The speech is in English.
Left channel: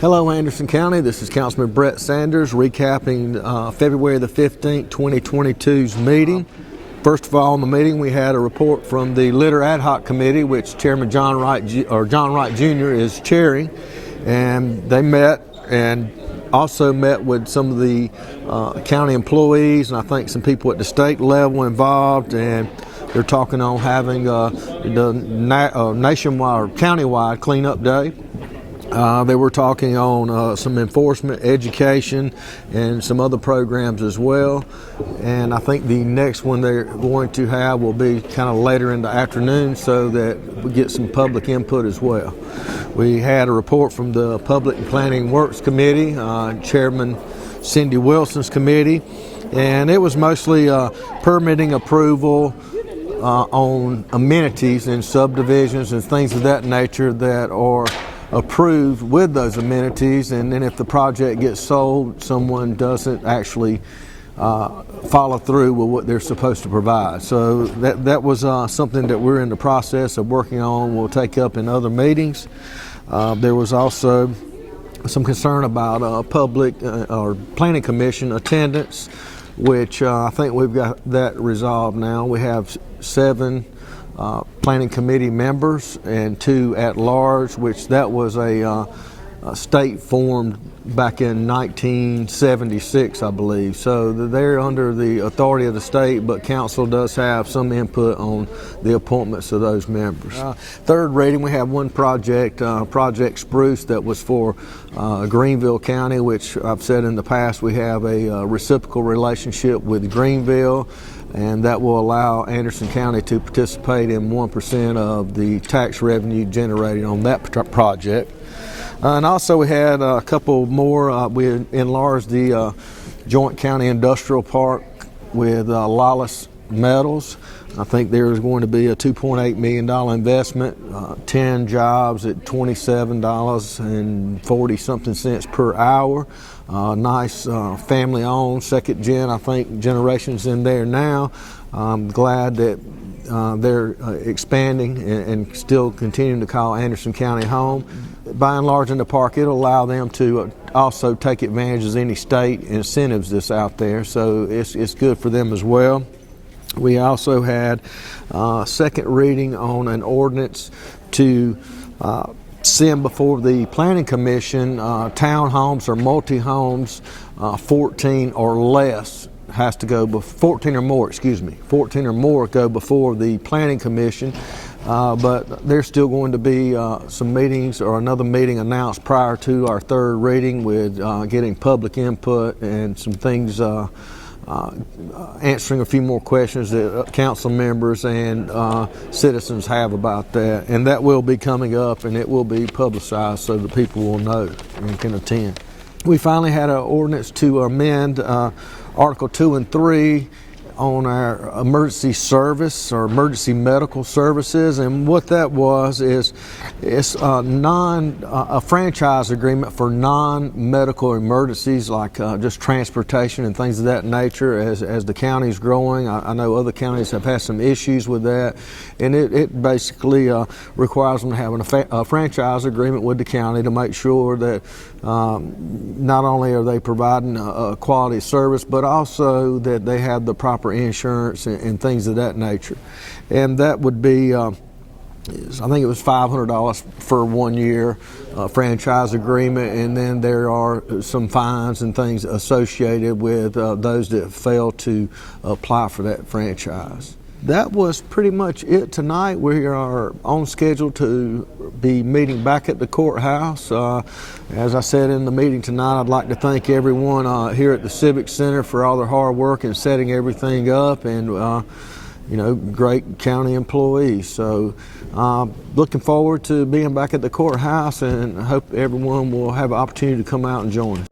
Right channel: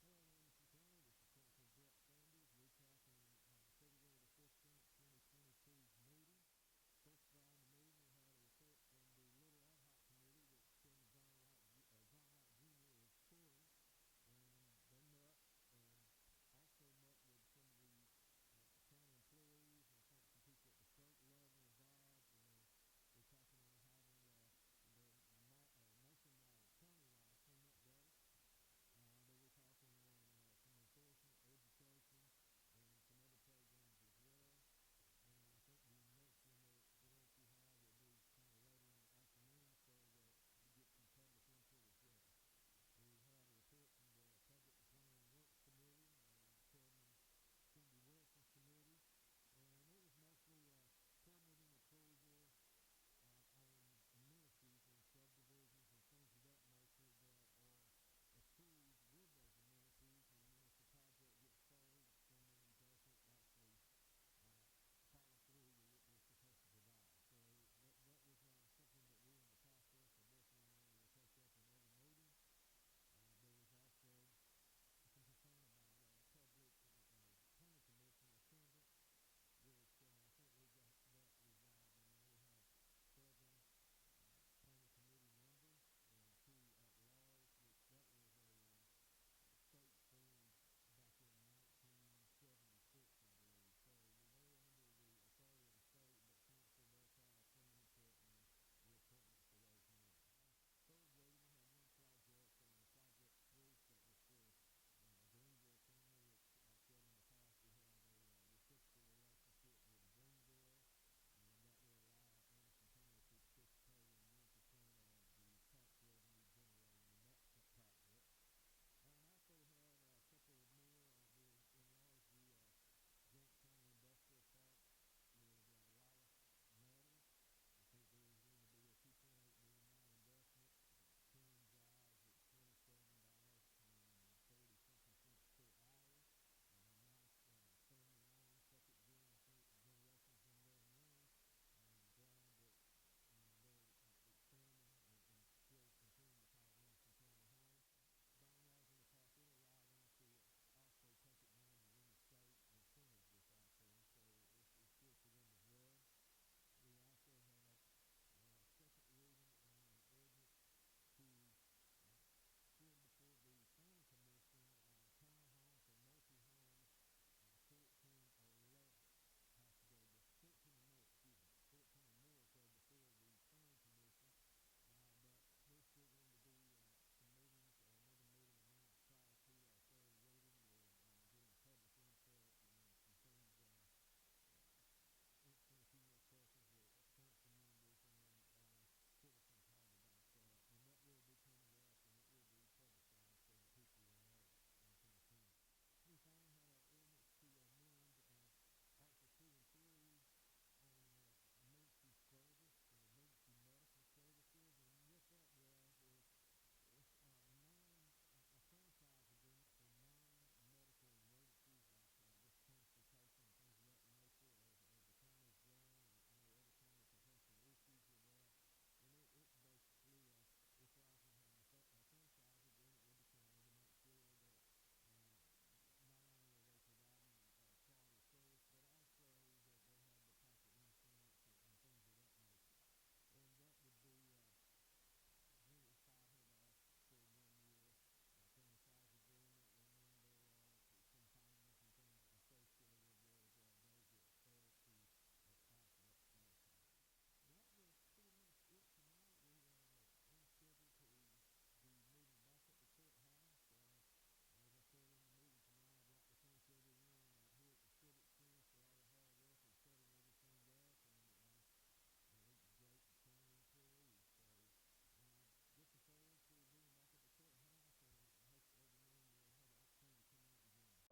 Hello Anderson County, this is Councilman Brett Sanders recapping February the 15th, 2022's meeting. First of all, in the meeting we had a report from the Litter Ad Hoc Committee, which Chairman John Wright Jr. is chairing, and they met and also met with some of the county employees and I think some people at the state level involved, and they're talking on having the nationwide or countywide cleanup day. They were talking on some enforcement, education, and some other programs as well. And I think the next one they're going to have will be kind of later in the afternoon so that we get some public input as well. We had a report from the Public and Planning Works Committee, Chairman Cindy Wilson's committee, and it was mostly permitting approval on amenities in subdivisions and things of that nature that are approved with those amenities, and then if the project gets sold, someone doesn't actually follow through with what they're supposed to provide. So that was something that we're in the process of working on. We'll take up in other meetings. There was also some concern about public or planning commission attendance, which I think we've got that resolved now. We have 7 planning committee members and 2 at large, which that was a state formed back in 1976, I believe. So they're under the authority of the state, but council does have some input on the appointments of those members. Third reading, we have one project, Project Spruce, that was for Greenville County, which I've said in the past we have a reciprocal relationship with Greenville, and that will allow Anderson County to participate in 1% of the tax revenue generated on that project. And also we had a couple more. We enlarged the Joint County Industrial Park with Lawless Medals. I think there's going to be a $2.8 million investment, 10 jobs at $27.40-something per hour. Nice family-owned, second gen, I think, generations in there now. I'm glad that they're expanding and still continuing to call Anderson County home. By enlarging the park, it'll allow them to also take advantage of any state incentives that's out there, so it's good for them as well. We also had second reading on an ordinance to send before the Planning Commission townhomes or multi-homes 14 or less has to go 14 or more go before the Planning Commission, but there's still going to be some meetings or another meeting announced prior to our third reading with getting public input and some things, answering a few more questions that council members and citizens have about that, and that will be coming up and it will be publicized so that people will know and can attend. We finally had an ordinance to amend Article 2 and 3 on our emergency service or emergency medical services, and what that was is it's a franchise agreement for non-medical emergencies like just transportation and things of that nature. As the county's growing, I know other counties have had some issues with that, and it basically requires them to have a franchise agreement with the county to make sure that not only are they providing a quality service, but also that they have the proper insurance and things of that nature. And that would be, I think it was $500 for 1 year franchise agreement, and then there are some fines and things associated with those that fail to apply for that franchise. That was pretty much it tonight. We are on schedule to be meeting back at the courthouse. As I said in the meeting tonight, I'd like to thank everyone here at the Civic Center for all their hard work in setting everything up, and great county employees. So looking forward to being back at the courthouse, and hope everyone will have an opportunity to come out and join us.